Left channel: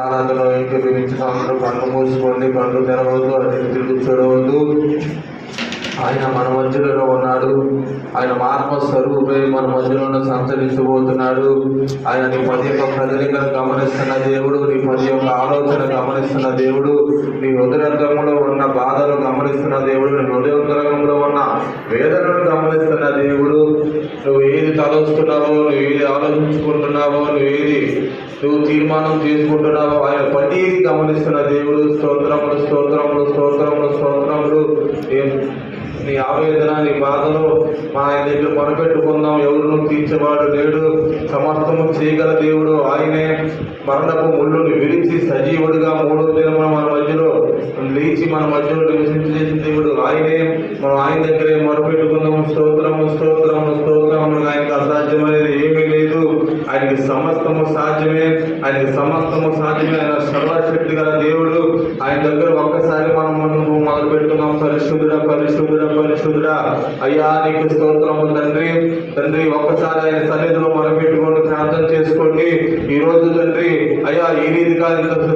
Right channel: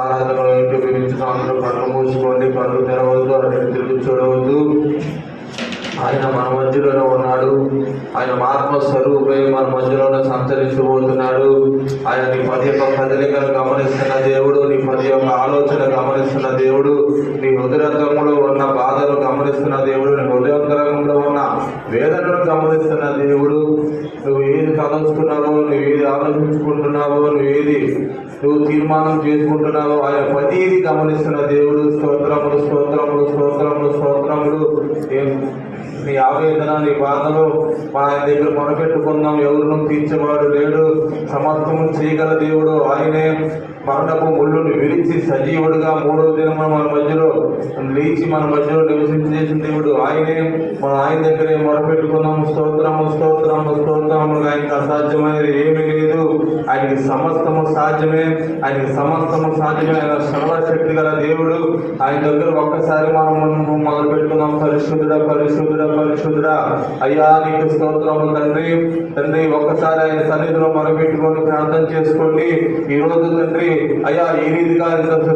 ఆరాధనలో ఏకీభవించిన అందరూ కళ్ళు మూసుకోండి, కళ్ళు తెరవద్దు, అటు తిరిగి చూడవద్దు. ఆయన మన మధ్యలో ఉన్నాడు. ఆయన ఆత్మ స్వరూపై మన మధ్యలోనే సంచరించబోతున్నాడు. ఆయన నీ ప్రతి ఒక్క కదలికను గమనిస్తున్న దేవుడు, నీ ప్రతి ఒక్క ఆలోచన గమనిస్తున్న దేవుడు, నీ హృదయంలో ఉన్న బాధను గమనిస్తున్న దేవుడు, నీ హృదయంలో ఉన్న వేదనను గమనిస్తున్న దేవుడు. నువ్వు ఏది తలుస్తున్నావో, నువ్వు ఏది ఆలోచించుకుంటున్నావో, నువ్వు తీర్మానం చేసుకుంటున్నావు, ఆయన ప్రతిదీ గమనిస్తున్న దేవుడు. స్తోత్రములు స్తోత్రములు స్తోత్రములు స్తోత్రములు. నీ ఆవేదన, నీ బాధను ఆయన దగ్గర మొరపెట్టుకుందాం. ఎవరినూ తీర్చేవాడు లేడు. సమస్తము చేయగల దేవుడు ఆయనే. మరణపు ముళ్ళుని విరిచి సజీవుడిగా మూడవ దినం మన మధ్యలో లేచి మన మధ్యలో నివసించేసిన దేవుడు ఆయనే. మనం ఆయన దగ్గరే మొరపెట్టుకుందాం. స్తోత్రము స్తోత్రము స్తోత్రము. ఆయనకు అసాధ్యమైనది ఏమీ లేదు. ఆయనకి సమస్తము సాధ్యమే. ఆయనకి సమస్తము సాధ్యమే. ఆయన సర్వశక్తి గల దేవుడు. ఆయన దగ్గర ఒక్కసారి మనం మొదలు పెట్టుకున్నాం. పరిశుద్ధుడా పరిశుద్ధుడా పరిశుద్ధుడా. అయ్యా నీకు స్తోత్రము తండ్రి. తండ్రి ఒక్కసారి ఆయన సన్నిధిలో మొదలుపెట్టుకొని ప్రార్థన చేసుకోండి. ఈ రోజు తండ్రి అయ్యా ఏ రీతిగా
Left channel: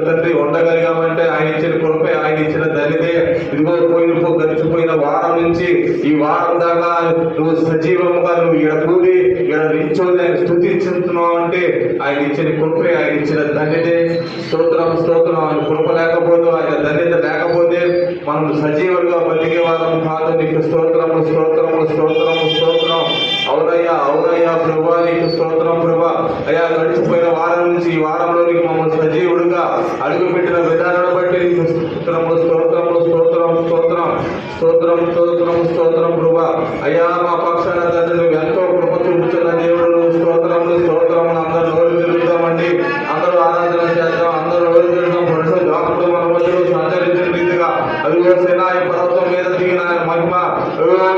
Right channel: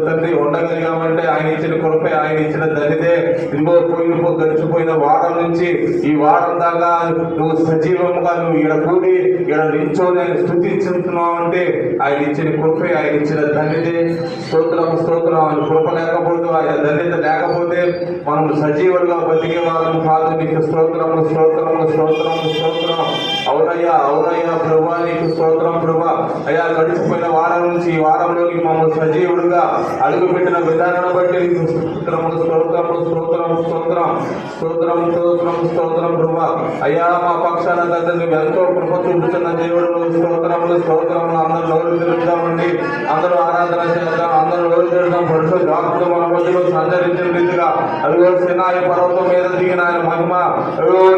తండ్రి ఉండగలిగామంటే ఆయన ఇచ్చిన కృపే, ఆయన ఇచ్చిన దరిదే. ఇదిగో గడిచిపోయిన వారం నుంచి ఈ వారం దాకా నువ్వు సజీవంగా నువ్వు ఈడ కూడి ఈడ నిల్చోని ఆయన స్తుతించుతున్నావు అంటే ఆయన ఇచ్చిన కృపే, ఆయన ఇచ్చిన ధన్యతే. స్తోత్రం స్తోత్రం. ఆయన కృప లేకపోతే, ఆయన ధన్యత లేకపోతే మనం సజీవులుగా బతికే వాళ్ళం కాదు. నీకు స్తోత్రము స్తోత్రము స్తోత్రము స్తోత్రం. అవునయ్యా అవునయ్యా ప్రభా, నీకు స్తోత్రం ప్రభా. అయ్యా గడిచిపోయిన వారం నుంచి ఈ వారంలోనికి మమ్మల్ని సజీవుడుగా అడుగు పెట్టిన విధానాన్ని బట్టి నీకు స్తోత్రములు స్తోత్రములు స్తోత్రం స్తోత్రం స్తోత్రం స్తోత్రం స్తోత్రం ప్రభా. అయ్యా మా పక్షాన తండ్రి నువ్వు ఎంతో కృప చూపుతున్న దేవుడు. స్తోత్రములు స్తోత్రములు. అందరూ నోరు తిరుగుతామండి, అందరూ ఆరాధన చేద్దాం, అందరూ నోరు తిరుగుతాం. పరిశుద్ధ ఆత్మతో మన మధ్యలో సంచరించిన రీతిగా అదిగో సినాయి పర్వతం మీద దిగిన ఆయన మహిమ,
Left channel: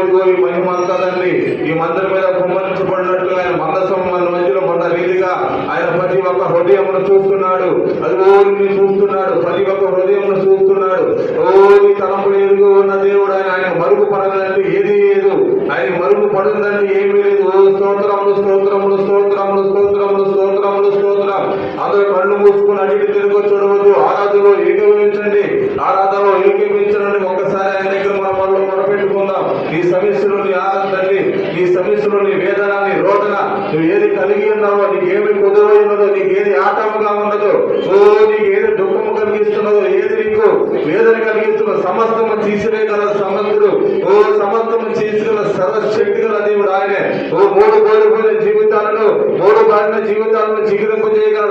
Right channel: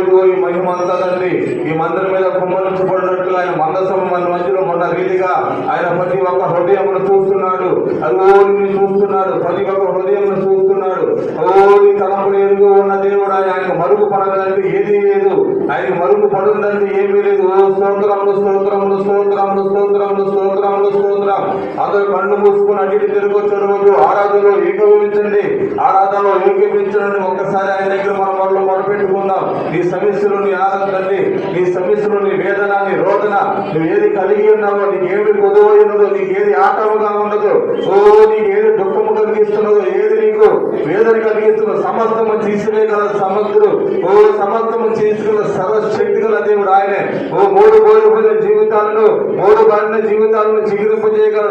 ఇదిగో ఈ మహిమ అంతా తండ్రి ఈ మందిరం మీద కుమ్మరించబడినట్టుగా ఆయన మందసం మన మధ్యలో పడ్డ రీతిగా ఆయన ప్రతి ఒక్క హృదయంలో చూస్తున్నాడు. అదిగో నీ చూస్తున్నాడు, ప్రతి ఒక్క హృదయంలో చూస్తున్నాడు. ఓ నీ తలంపులు ఎదుగు ఉన్న దేవుడు. ఆయన మరుగు పడదంటే ఏది లేదు, ఆయన మరుగు పడుందంటే ఏమీ లేదు. ఓ స్తోత్రములు స్తోత్రములు స్తోత్రములు స్తోత్రములు స్తోత్రములు స్తోత్రం. అందరూ కళ్ళు మూసుకుని అడిగి తిరుగు చూడవద్దు. ఆరాధనలో ఏకీభవించండి, ఆరాధనలో ఏకీభవించండి. ఒకసారి ఆయన దగ్గర మనం మొరపెట్టుకుందాం. నీ సమస్యలు, నీ ఆనందండి, నీ సమస్యలు, నీ వేదన, నీ రోదన, నువ్వు ఏది కలిగి ఉన్నావో, నీకు ఏమి కొదువై ఉన్నదో, నీకు ఏది ఆటముగా ఉన్నదో, ఓ నీకు ఏది దుఃఖము కలిగిస్తున్నదో, ఏది నీకు వేదన కలిగిస్తున్నదో సమస్తము తీసివేయగల సమర్థుడు. ఓ సమస్తము తీసిగల సర్వశక్తి గల దేవుడు ఆయనే. ఓ మూడు కోల్పోయిన జీవితాలను, మూడు కాలిన జీవితాలను చిగురింపు చేయగల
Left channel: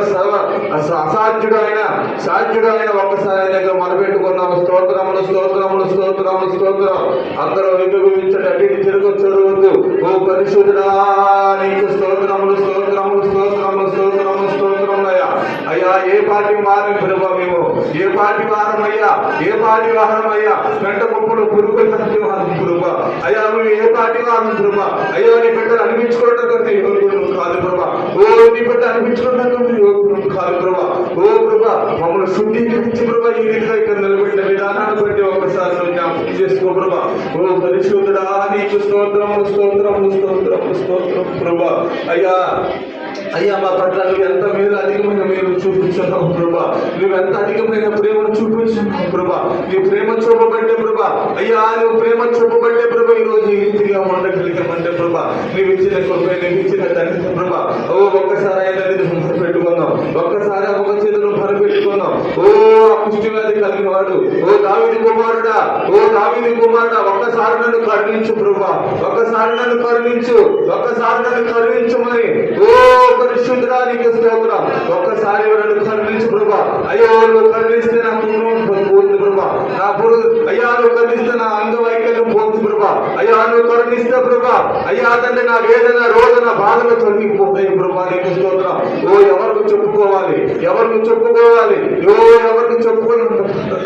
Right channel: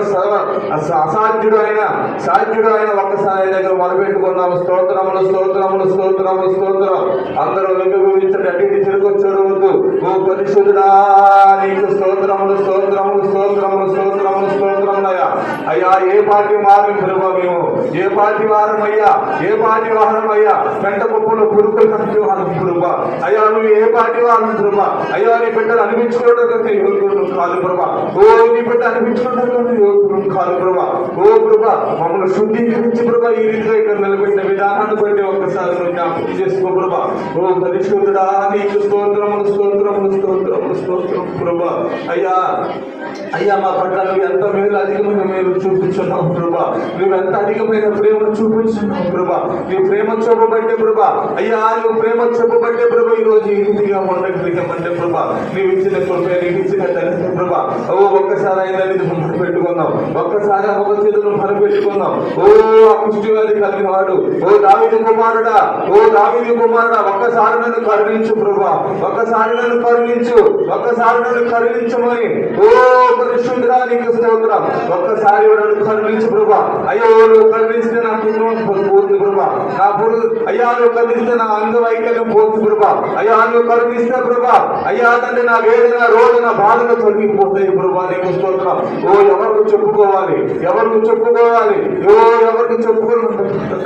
అసాధ్యుడు ఆయన, సాధ్యుడు ఆయన. ఒక్కసారి ఆయన దగ్గర మొదలుపెట్టుకున్నాము. స్తోత్రములు స్తోత్రములు స్తోత్రములు స్తోత్రం. అందరూ విభవించండి, అటు తిరుగు చూడవద్దు. ఓ పరిశుద్ధుడా నీకు స్తోత్రములు స్తోత్రములు స్తోత్రములు స్తోత్రములు స్తోత్రములయ్యా. అయ్యా ఏ పార్టీ వారం ప్రభా, మేము ఏ పార్టీ వారం అయ్యా, ఏ పార్టీ వారం అయ్యా. పెంట గొప్పలు పురుగులు ప్రభా. అయ్యా నువ్వు ఏ పార్టీ వారం ప్రభా. అయ్యా నీ బిడ్డలు అనిపించుకోవడం యోగ్యుడు కాదు ప్రభా. ఓ నీ బిడ్డ అనిపించుకోవడం యోగ్యుడు కాదు ప్రభా. ఓ ప్రభా మమ్మల్ని శుద్ధీకరించి ప్రభా ఈ రీతిగా ఇక్కడ నిలబెట్టిన విధానాన్ని బట్టి ఒక్కసారి జ్ఞాపకం చేసుకో ప్రభా. ఓ పరిశుద్ధుడా నీకు స్తోత్రములు స్తోత్రములు స్తోత్రములు స్తోత్రం ప్రభా. అయ్యా అయ్యా మా పట్ల నువ్వు ఎంత మేలు అధికమైన మేలు చూపించున్నావు ప్రభా. నువ్వు ఎంత అధికమైన ప్రేమను చూపించున్నావు ప్రభా. నీ ప్రేమ చూపబట్టే ప్రభా. అయ్యా నువ్వు ప్రేమ చూపబట్టే ప్రభా ఈ రోజు ఈ రీతిగా ఉండగలిగామంటే ప్రభా. నువ్వు ఇచ్చిన కృప, నీవు ఇచ్చిన ధన్యత ప్రభా. ఓ ఒక్కసారి ఆయన పెట్టుకున్నాం, ఒక్కసారి ఒక చేతులను భరపెట్టుకున్నాం. ఓ కుష్టి వ్యాధి కలిగిన వాడు, ఓ దావీదు కుమారుడా, ఓ దావీదు కుమారుడా ఒక్కసారి నన్ను కరుణించు ప్రభా. ఒక్కసారి నన్ను కరుణించు, ఒక్కసారి నన్ను కరుణించమని. ఓ పరిశుద్ధుడా నీకు స్తోత్రం. ఒక్కసారి నన్ను కరుణించు ప్రభా. అయ్యో నువ్వు కరుణిస్తే నా కుటుంబం పోతుంది ప్రభా. నా పొరుగు అయ్యా నువ్వు కరుణిస్తే నా అంగవైకల్యం పోతుంది ప్రభా. అయ్యా నువ్వు కరుణిస్తే ప్రభా. అయ్యా తండ్రి నా వేదన రోదన బాధలు తొలగిపోతాయి ప్రభా. నీకు స్తోత్రం. ఓ ఎవరికి చెప్పుకోవాలి, ఎవరికి చెప్పుకోవాలి, ఓ ఎవరికి చెప్పుకున్న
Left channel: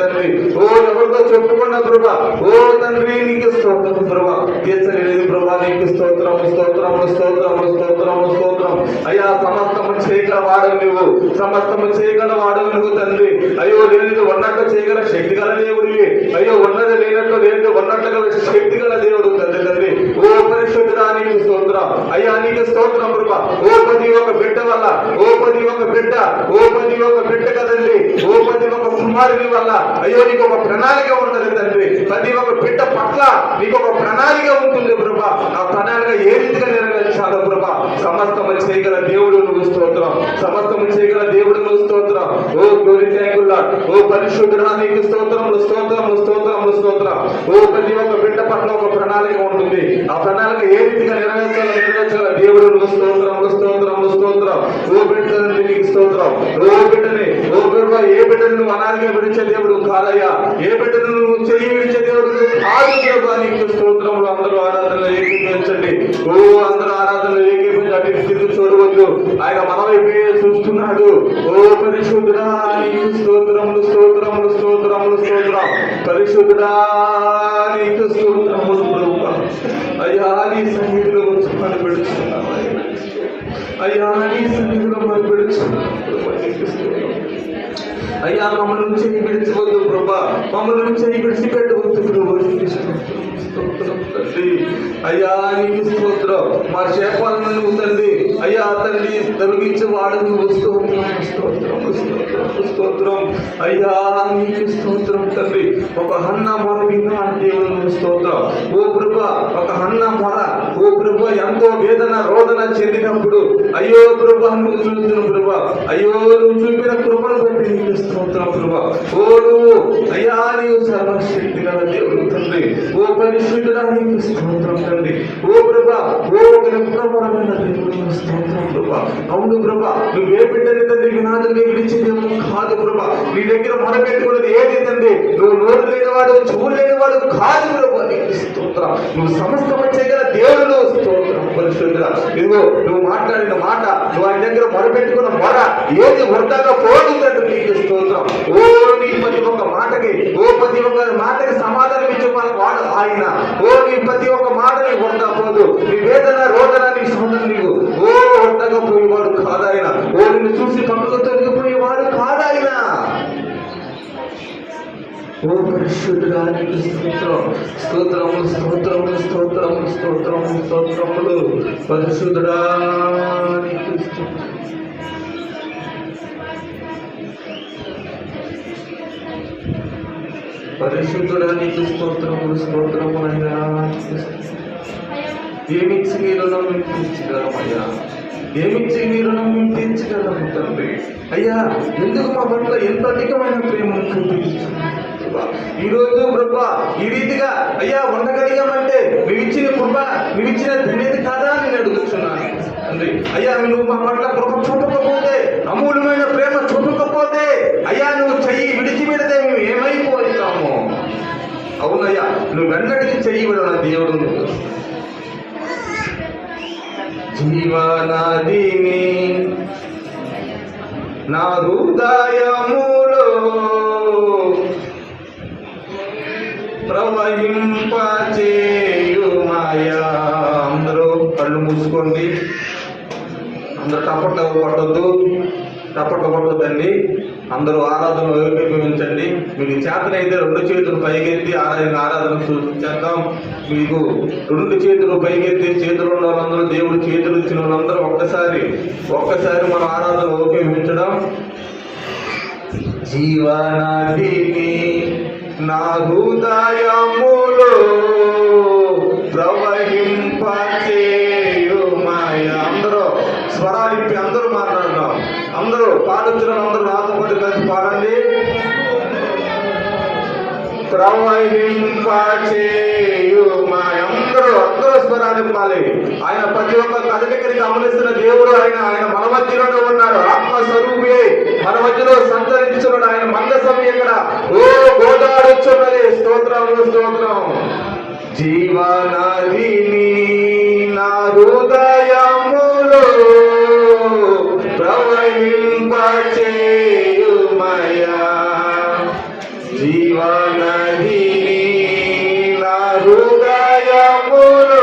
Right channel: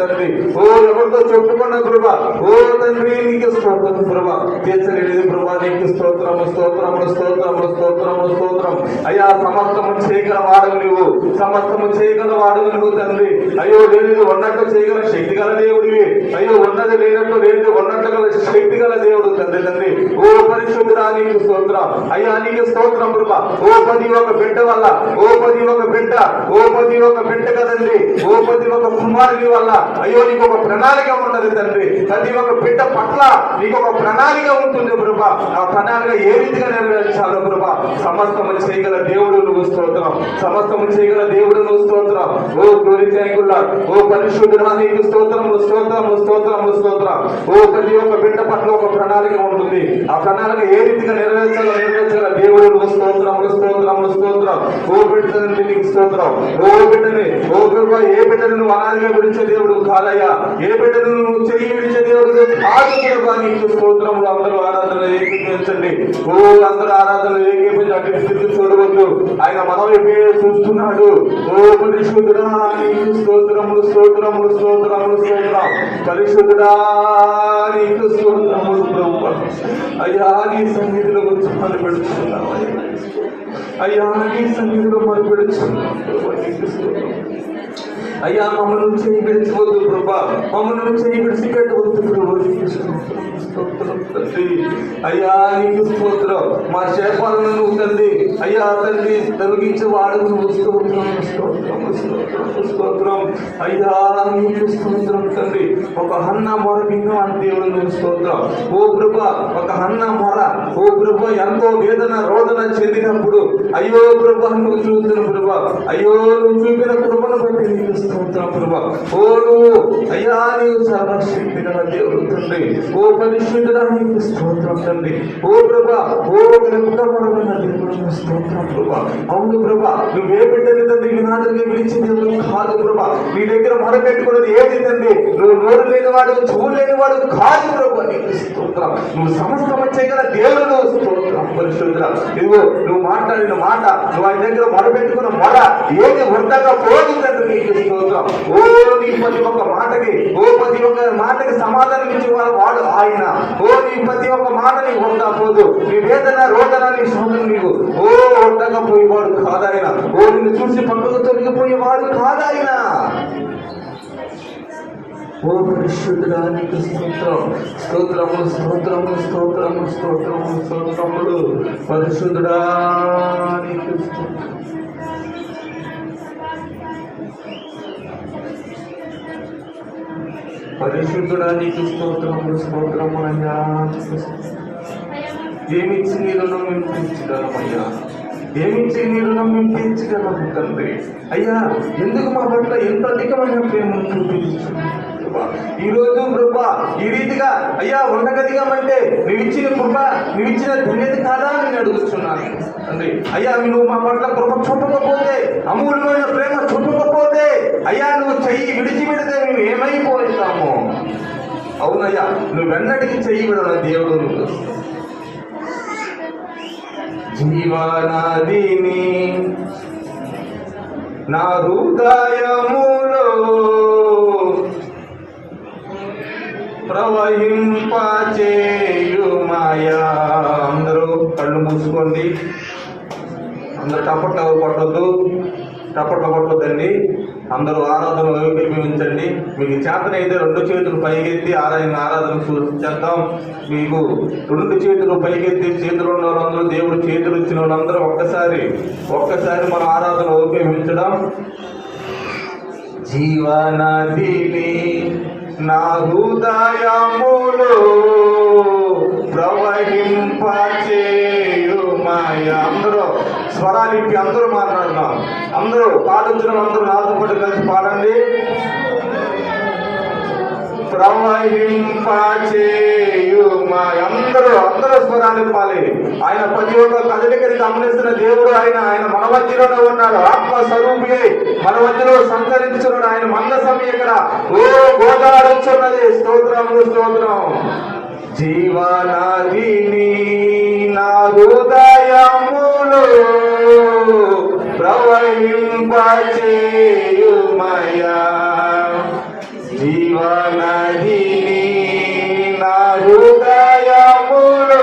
తండ్రి, ఓ ఎవరితో చెప్పుకున్న ప్రభా. ఓ తండ్రి నీకు స్తోత్రం ప్రభా. తీర్చలేదు ప్రభా. నీకు స్తోత్రము స్తోత్రము స్తోత్రము స్తోత్రము స్తోత్రం. అయ్యా సమస్తము చేయగల వాడు నువ్వు, సమస్తము చేయగల వాడు నువ్వు తండ్రి. అయ్యో లేనిది ఉన్నట్టు చేయగల శక్తి గల దేవుడివి. అయ్యో ఉన్నది లేనట్టు లేనిది ఉన్నట్టుగా శక్తి గల దేవుడు తండ్రి. తండ్రి ఓ పరిశుద్ధుడా నీకు స్తోత్రం. అయ్యా నీకు స్తోత్రం ప్రభా. ఓ ప్రతి ఒక్క బిడ్డ వల్ల, ఓ ప్రతి ఒక్క బిడ్డ, ఓ ప్రతి ఒక్క బిడ్డ కదండి కుమారుని వల్ల అయ్యో నీకు ఒక ప్రణాళిక ఉన్నది తండ్రి. ప్రతి ఒక్క బిడ్డ పట్ల నీకు ఒక ప్రణాళిక ఉంటుంది ప్రభా. ఆ ప్రణాళిక ఏ రీతిగా నెరవేర్చాలో ప్రభా. సమస్తము చేయగల దేవుడు నువ్వు స్తోత్రం. సమస్తము చేయగల దేవుడు నువ్వు స్తోత్రం. Oh glory thank you lord. ఓ పరిశుద్ధుడా నీకు స్తోత్రములు స్తోత్రములు స్తోత్రములు స్తోత్రం. ఓ ప్రతి ఒక్క బిడ్డ పట్ల ఒక ప్రణాళిక ఉంటుంది. ఆ ప్రణాళిక ఏ రీతిగా నెరవేర్చాలో దేవుడు నువ్వు స్తోత్రములు స్తోత్రములు స్తోత్రం. ఓ బిడ్డ నీకు స్తోత్రం. ఓ బిడ్డని ఓ బిడ్డ ఏ బిడ్డను నువ్వు అనాదిగా విడిచే దేవుడు కాదయ్యా. ఏ బిడ్డను నువ్వు చెయ్యి విడిచే దేవుడు కాదు. నీకు స్తోత్రములు. అందరూ ఆరాధనలు ఏకీపించండి. ఓ అందరూ ఆరాధనలు ఏకీపించి అటు స్థితి చూడవద్దు. ఆయన మనల్ని చూస్తున్నాడు. ఓ పరిశుద్ధుడా నీకు స్తోత్రములు స్తోత్రములు స్తోత్రములు స్తోత్రం. పరిశుద్ధుడా నీకు స్తోత్రములు ప్రభువా. అయ్యా నీ సన్నిధిలో వచ్చి మనం పెడుతున్నాం. అయ్యా నీ సన్నిధిలో మనం పెడుతున్నాం. అయ్యా మమ్మల్ని చేయి విడిచిపోద్దు ప్రభా. మమ్మల్ని చేయి విడిచిపెట్టవద్దు ప్రభు. అయ్యా నీకు స్తోత్రం. మా శాపాలను నువ్వు తండ్రి అయ్యా తండ్రి తొలగించి వాడు నువ్వు స్తోత్రం స్తోత్రం స్తోత్రం స్తోత్రం. అయ్యా నీకు స్తోత్రం తండ్రి. ఒక హన్న మొర విన్నా దేవుడు నువ్వు స్తోత్రం. ఓ ప్రభా ఒక హన్న మొర ఓ ప్రభా ఎంతో వేదన రోదన చెందినప్పుడు అయ్యో ప్రభా నువ్వు చూస్తున్న ప్రభా. అయ్యో నువ్వు చూపిన కృపను బట్టి నీకు స్తోత్రం ప్రభా. ఓ నువ్వు అయ్యా నీవు సర్వశక్తి గల దేవుడు తండ్రి. ఓ పరిశుద్ధుడా నీకు స్తోత్రం తండ్రి. ఓ ప్రభా ఓ ఉత్తమమైన దేవుడు స్తోత్రం ప్రభా. అవును ప్రభా నువ్వే బిడ్డని తండ్రి వినాదుగా విడిచే దేవుడు కాదు ప్రభా. నీ దగ్గర మొరపెట్టుకున్నది ఏది తండ్రి. నువ్వు నోరు లేనివాడు చెవులు లేనివాడు కాదు ప్రభా. నీకు స్తోత్రం. నువ్వు సమస్తం చేయగల దేవుడు స్తోత్రం పరిశుద్ధుడా. ఇదిగో నువ్వు మాట్లాడిన మాట నువ్వు ఆయన దగ్గర మొరపెట్టుకున్న మొర ఏది వృద్ధంగా పోదు తండ్రి. నీకు స్తోత్రం. ఓ నీ ప్రతి ఒక్క మాటకి ప్రతి ఒక్క మాటకి సమాధానం ఇచ్చే వాడు ఆయన. ఓ నీ ప్రతి ఒక్క మాట నీకు వృద్ధా పోదు. నీ వేదన రోదన నీ సొంతం నీకు వృద్ధంగా పోయేవాడు కాదాయన. ఓ నిన్ను చూసి పక్కకు తొలగిపోయేవాడు కాదాయన. ఓ పరిశుద్ధుడా నీకు స్తోత్రం స్తోత్రము స్తోత్రము స్తోత్రము స్తోత్రము స్తోత్రములు. పరిశుద్ధుడా నీకు స్తోత్రం. పరిశుద్ధుడా నీకు స్తోత్రములు స్తోత్రములయ్యా. ఏమిచ్చి నీ రుణం తీర్చగలమయ్యా. ఏమిచ్చి నీ రుణం తీర్చగలము తండ్రి. అయ్యా ఎందుకు మా పట్ల ఎంత అధికమైన ప్రేమ చూపించున్నావు ఈ రోజు కృప ఈ రీతిగా అయ్యా ఉండగలిగామంటే నువ్వు ఇచ్చిన కృప నువ్వు ఇచ్చిన ధన్యత కాదా అని నేను అడుగుతున్నాను తండ్రి. అయ్యా నువ్వు మా పట్ల కృప చూపకపోతే అమూల్యమైన ప్రేమ చూపకపోతే అయ్యా నువ్వు చెయ్యి విడిచిపెడితే మేము ఏమైపోతాము. అవునయ్యా నువ్వు వెన్నటికి చెయ్యి విడన దేవుడు. జీవనదిని నా హృదయములో ప్రవహింపచేయుమయా. అందరూ కళ్ళు మూసుకోండి. అందరూ టపట కొట్టద్దు టపట కొట్టద్దండి. అందరూ ఆరాధన ఏకీభవించండి. మీకు చేతనైతే రెండు చేతులు పైకెత్తి ఆరాధన చేద్దాం. మీకు రెండు చేతులు పైకెత్తి చేతులు ఉన్న వాళ్ళందరూ దేవుడు చేతులు ఇచ్చిన వాళ్ళందరూ ఒక్కసారి మన ఆరాధన ఏకీభవించడం. జీవనదిని నా హృదయములో ప్రవహింపచేయుమయా. అందరూ స్వరాలిప్పి అందరూ మాట్లాడదాం. అందరూ పాడించిన అందరూ నాతో పాటు కలిసి పాడండి. ప్రవహింపచేయుమయా. అందరూ స్వరాలు పాలి. ఆయన ప్రతి ఒక్క కదలికని గమనిస్తున్న దేవుడు ఆయన మన మధ్యలోనే ఉన్నాడు. ఆత్మ స్వరూపి మన మధ్యలో సంచరించున్నాడు. ఆయన మందసం ఇక్కడ గోదాడుచున్నది. స్తోత్రం స్తోత్రం. జీవనదిని నా హృదయములో ప్రవహింపచేయుమయా. జీవనదిని నా హృదయములో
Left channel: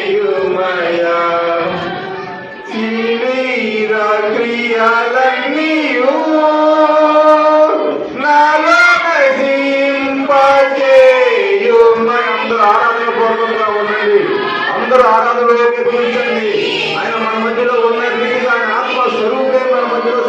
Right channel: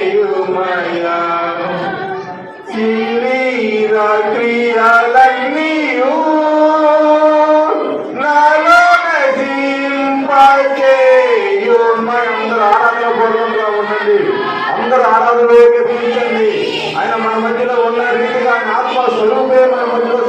ప్రవహింపచేయుమయా. శరీర క్రియలన్నీయు నాలో నశింపచేయుమయా. అందరూ ఆరాధనపూర్వకంగా ఉండండి. అందరూ ఆరాధనలోకి పిలిచండి. ఆయన మన మధ్యలో ఉన్న రీతిగా ఆయన ఆత్మ స్వరూపే మన మధ్యలో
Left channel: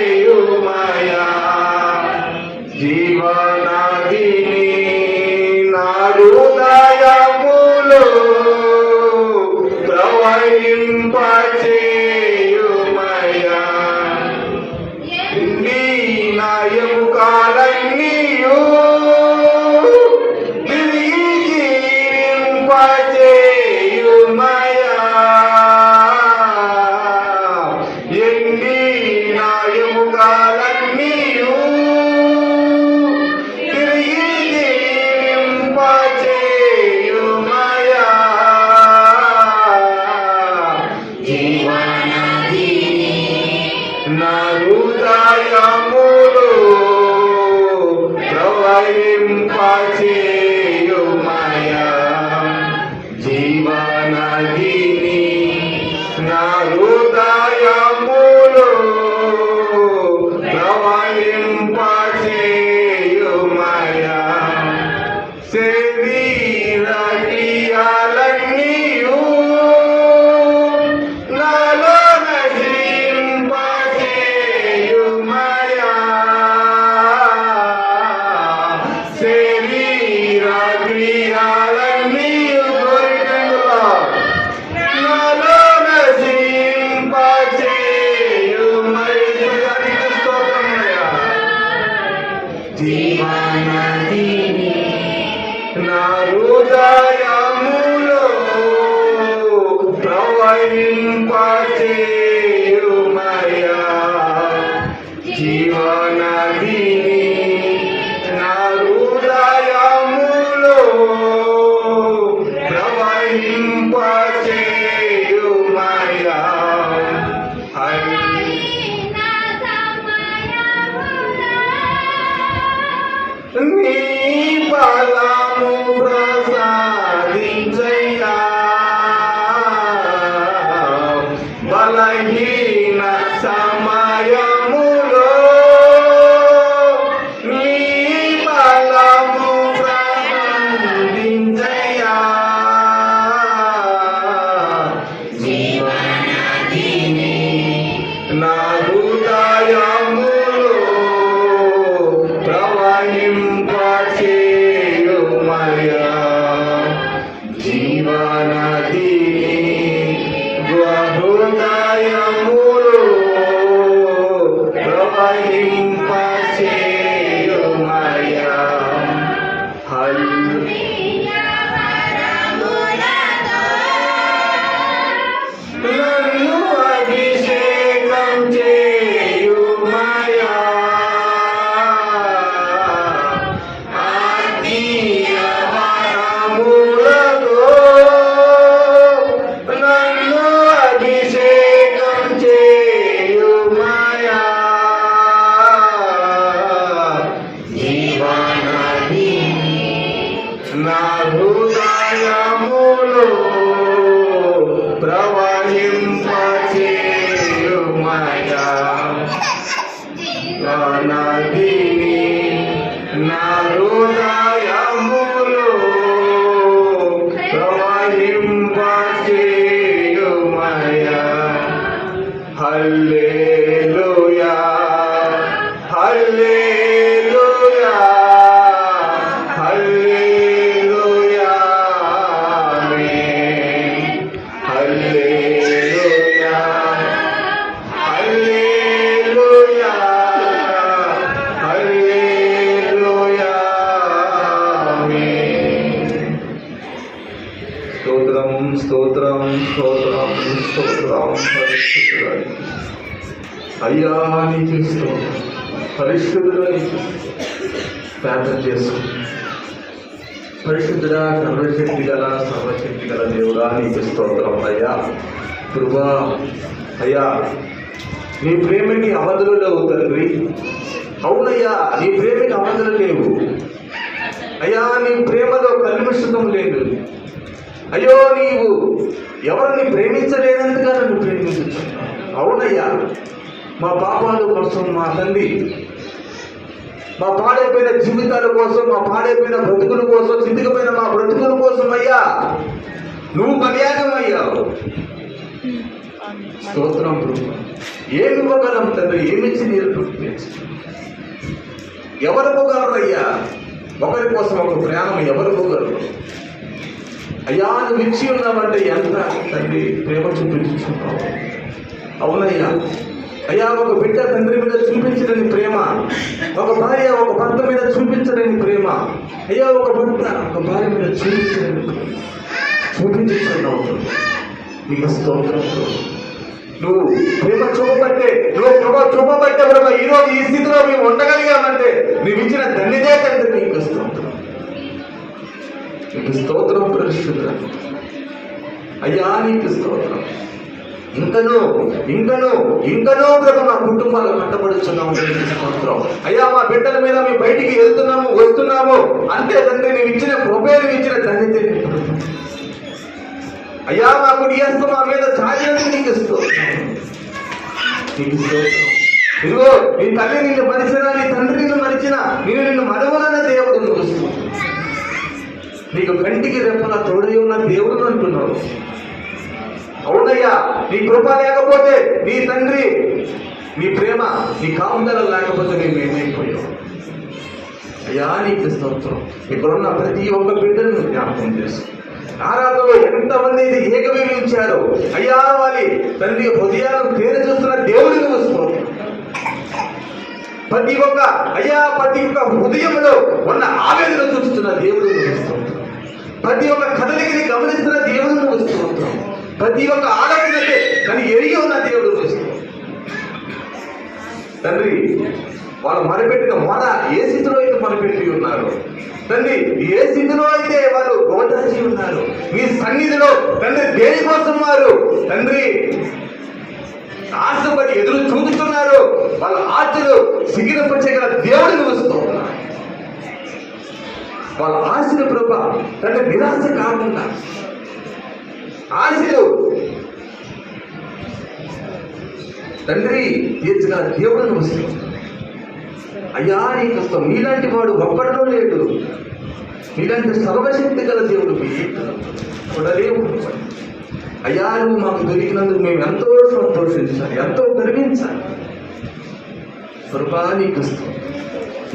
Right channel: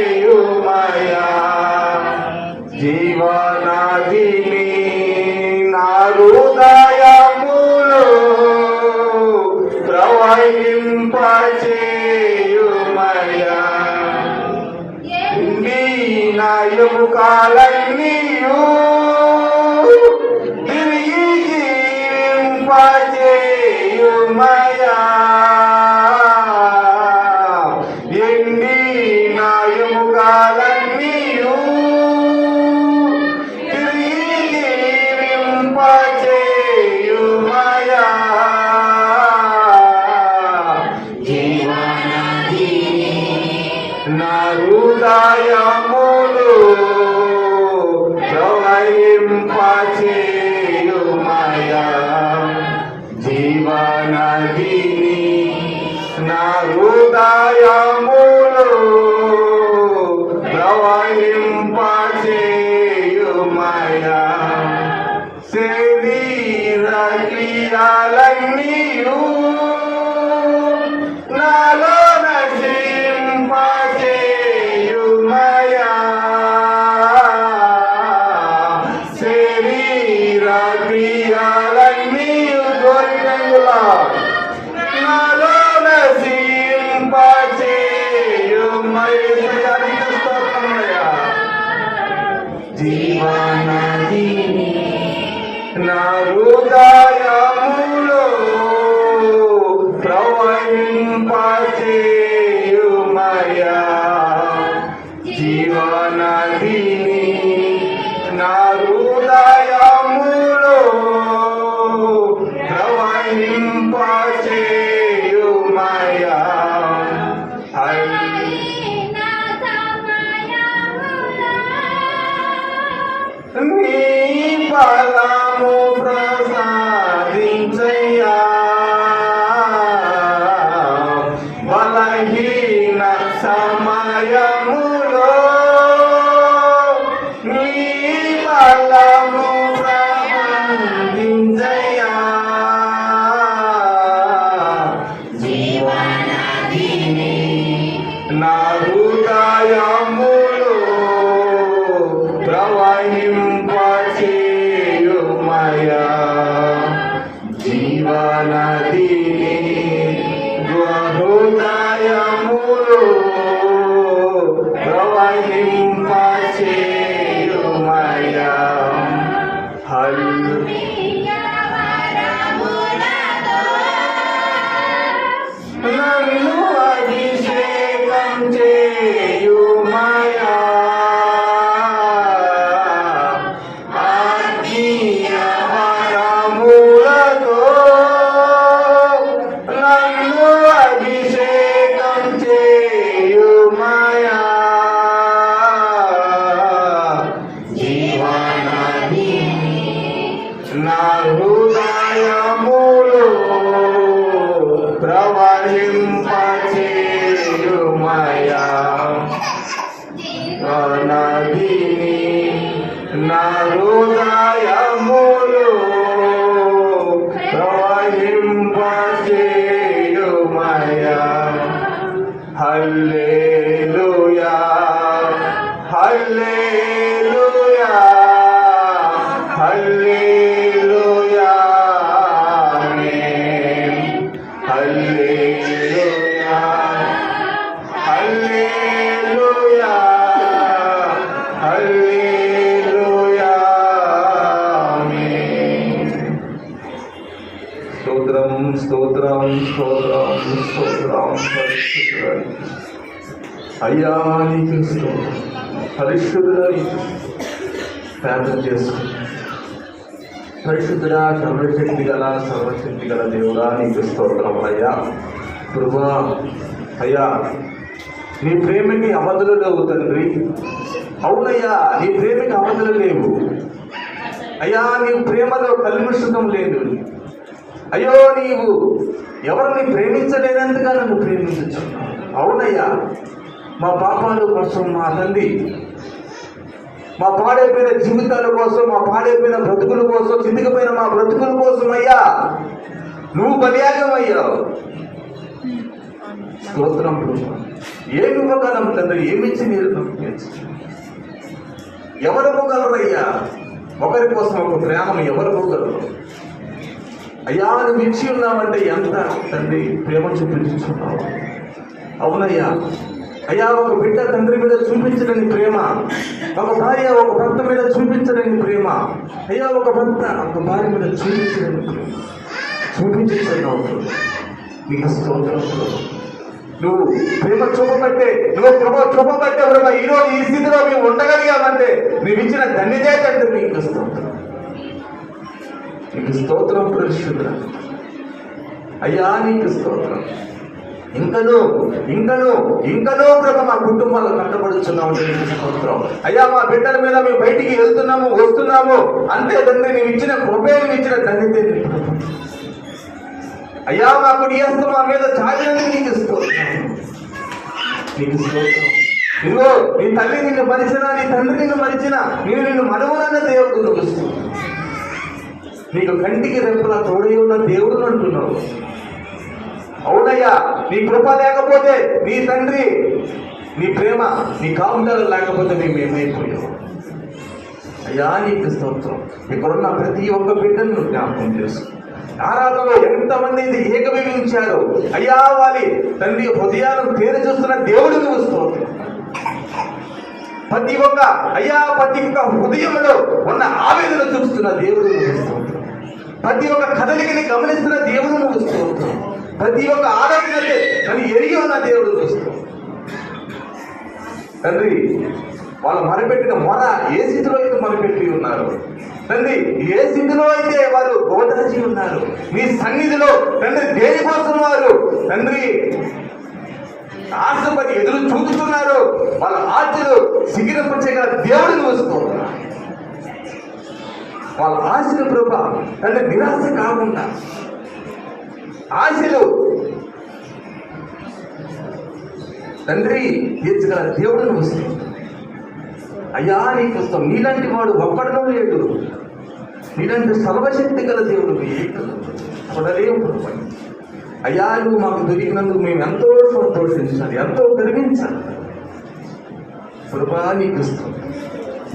ప్రవహింపచేయుమయా జీవనదిని నా హృదయములో ప్రవహింపచేయుమయా నీ నా ఎముకలన్నీయు తిరిగి జీవింపచేయుమయా ఎండి నా ఎముకలన్నీయు తిరిగి జీవింపచేయుమయా జీవనదిని నా హృదయములో ప్రవహింపచేయుమయా జీవనదిని నా హృదయములో ప్రవహింపచేయుమయా శరీర క్రియలన్నీయు నాలో నశింపచేయుమయా శరీర క్రియలన్నీయు కోరికలుగా నాలో నశింపచేయుమయా జీవనదిని నా హృదయములో ప్రవహింపచేయుమయా జీవనదిని నా హృదయములో ప్రవహింపచేయుమయా నీ బలము ప్రసాదించయ్యా బలహీన సమయములో నీ బలము ప్రసాదించయ్యా జీవనదిని నా హృదయములో ప్రవహింపచేయుమయా జీవనదిని హృదయములో ప్రవహింపచేయుమయా నన్ను అభిషేకం చేయుమయా ఆత్మీయ వరములతో నన్ను అభిషేకం చేయుమయా జీవనదిని నా హృదయములో ప్రవహింపచేయుమయా జీవనదిని నా హృదయములో ప్రవహింపచేయుమయా హల్లెలూయా హల్లెలూయా హల్లెలూయా ఆమేన్ హల్లెలూయా హల్లెలూయా హల్లెలూయా ఆమేన్ స్తోత్రం స్తోత్రం స్తోత్రం స్తోత్రం పరిశుద్ధుడా అయ్యా నీకు స్తోత్రం పరిశుద్ధుడా నీకు ప్రార్థన చేసుకో పరిశుద్ధుడా సర్వశక్తి గల దేవుడా నీకు స్తోత్రం అయ్యా కృపా అయ్యా నీ ప్రేమకి అవధులు లేవు తండ్రి అవునయ్యా నీ ప్రేమకి అవధులు లేవు అయ్యా నీ ప్రేమలో కల్మిషం లేదు అయ్యో నీవు ఎవరిని ప్రేమించలేనందుగా నన్ను ప్రేమించుచున్నావు అవునయ్యా మా పాపాల కోసం మా తండ్రి మా పాడైపోయిన జీవితాల కోసం మా పాడైపోయిన బ్రతుకుల కోసం చితికిపోయిన మా బ్రతుకుల కోసం అయ్యా నువ్వు బలియాగం అయ్యావు. స్తోత్రం ప్రభు. ఏమి ఇవ్వగలం తండ్రి? ఏమిచ్చి నేను ఎవరు ఇవ్వగలరయ్యా? ఒకరి కోసం ఒక ప్రయాణం ఎవరు ఇవ్వగలరు? అయ్యా నువ్వు ఇచ్చి ఉన్నావంటే ఎంత తండ్రి ప్రేమ చూపించుకున్నావు. అవునయ్యా. అయ్యా ఒక బిడ్డ తండ్రి మీద చూపించలేని ప్రేమ, ఒక భార్య ఒక భర్త మీద చూపించలేని ప్రేమ, అయ్యా ఒక భర్త ఒక భార్య మీద చూపించలేని ప్రేమ చూపించుకున్నావు. నీకు స్తోత్రం. నువ్వు ప్రేమ చూపబట్టే, నువ్వు ప్రభావ చూపబట్టే ప్రభావ ఈరోజు ఈ స్థితిలో మేము ఉండగలిగామంటే నువ్వు ఇచ్చిన ధన్యతే తండ్రి. నీకు స్తోత్రం. నీకు స్తోత్రం పరిశుద్ధుడా. అయ్యా నీకు స్తోత్రం. ఇంకనూ ఇంకనూ ఇంకనూ ప్రభు మా కుటుంబాలు కట్టబడుచున్నాము. స్తోత్రం. అయ్యా మా బిడ్డల మీద మేము బయటికి వెళ్తున్నాము వస్తున్నాము అంతే తండ్రి. నువ్వు ఇచ్చిన కృపే, నువ్వు ఇచ్చిన ధన్యతే. అయ్యా మాకు నీ హస్తం మా మీద చాలినందుకు నీకు స్తోత్రం. నీకు స్తోత్రం. ఇదిగో నీ తల్లి నిన్ను మరిచినా, నీ తండ్రి నిన్ను మరిచినా నిన్ను మరువనన్న దేవుడు నువ్వు. నీకు కంటికి రెప్పలా తోడై ఉన్న దేవుడు అంటున్నావు. అవునయ్యా. నీ కృప లేకపోతే, నీ తండ్రి నీ ప్రేమ నీ కాపుదల లేకపోతే మేము ఏమైపోయావు. అయ్యా నీకు స్తోత్రం. ఇక్కడున్న ప్రతి ఒక్క బిడ్డను జ్ఞాపకం చేసు. ఆరాధనలో ఎంతమంది ఏకీభవించారు అయ్యా. వారి తండ్రి హృదయాలను తేరు చూస్తున్న దేవుడు నువ్వు స్తోత్రం. ప్రతి ఒక్క అయ్యా ప్రతి ఒక్క హృదయంలో ఉన్న ఆవేదన చూస్తున్న దేవుడు నువ్వు స్తోత్రం. ప్రతి ఒక్క కదలికని గమనిస్తున్న దేవుడు నువ్వు స్తోత్రం. ప్రతి ఒక్క ఆలోచనతే కానీ ఎరిగి ఉన్న దేవుడు చూస్తూ తండ్రి వాళ్ళు మొరపెట్టిన మొర ఏ స్థితిలో అయితే మొరపెట్టి ఉన్నారు తండ్రి, ఏ స్థితిలో అయితే వారు గోటసి ఉన్నారు మీ సన్నిధిలో తండ్రి దేనికోసం వారు తండ్రి ఆశపడి ఎదురు చూస్తున్నారు. వాళ్ళ ఆశలు సిగిరపరిచగల దేవుడిని వస్తూ ఉన్నారు. వాళ్ళ ఆశలు ప్రభా తండ్రి నిరాశ కాకుండా ఆశలు తండ్రి తీర్చగల దేవుడిని వస్తుంది. అయ్యా నీకు వస్తాం. నీలాంటి వాడు ఒక్కడడం లేడు. నీలాంటి సర్వశక్తి గల దేవుడు చూడలేము. అయ్యా నువ్వు మాకు దొరికినందుకు మేము ఎంతో సంతోషించాలి, ఎంతో గర్వించాలి. ప్రభా నీకు వస్తాం.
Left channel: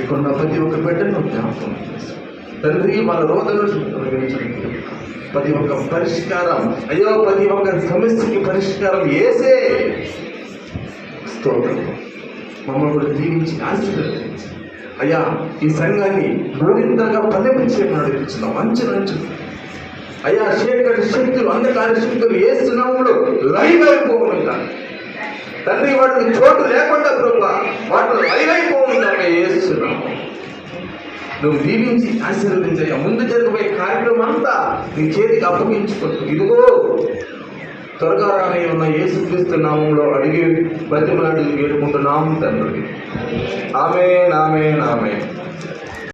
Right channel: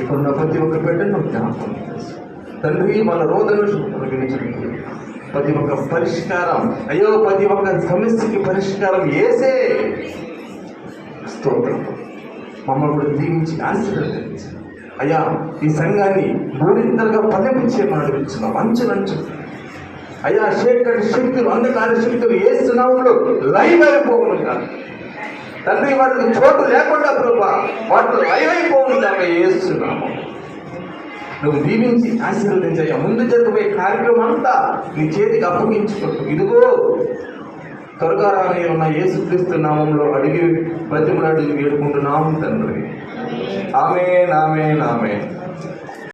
ఇక్కడ ప్రతి ఒక్క బిడ్డను జ్ఞాపకం తండ్రి వాళ్ళ రోదనలు తొలగించండి. ప్రతి ఒక్క పరిష్కారం అయ్యో ప్రతి ఒక్క సమస్యకి పరిష్కారం ఏసే స్తోత్రం. మమ్మల్ని కూడా దీవించి ఆశీర్వదించి అయ్యా ఈ సంఘాన్ని మూడింతలుగా పల్లెపించేమని నడిపించున్నాం. అంచెలంచు అయ్యా చీకటి శక్తులు అంధకార శక్తులు ఏస్తున్నాము లైవ్ అయిపోకుండా తండ్రి వాటికి చోటు లేకుండా ప్రభా వాటిని లైవ్ అయిపోకుండా ఏస్తున్నాము. నువ్వు దీవించి ఆశీర్వదించయ్యా. ముందు జరిగిపోయే కార్యక్రమం అంతా నీ చేతికి అప్పగించుకో. ఇదిగో త్వరగా రాని ఉన్న యేసుక్రీస్తు నామంలో అడిగి బ్రతిమలాడి వేడుకుంటున్నాము తండ్రి. ఆమేన్ ఆమేన్ ఆమేన్.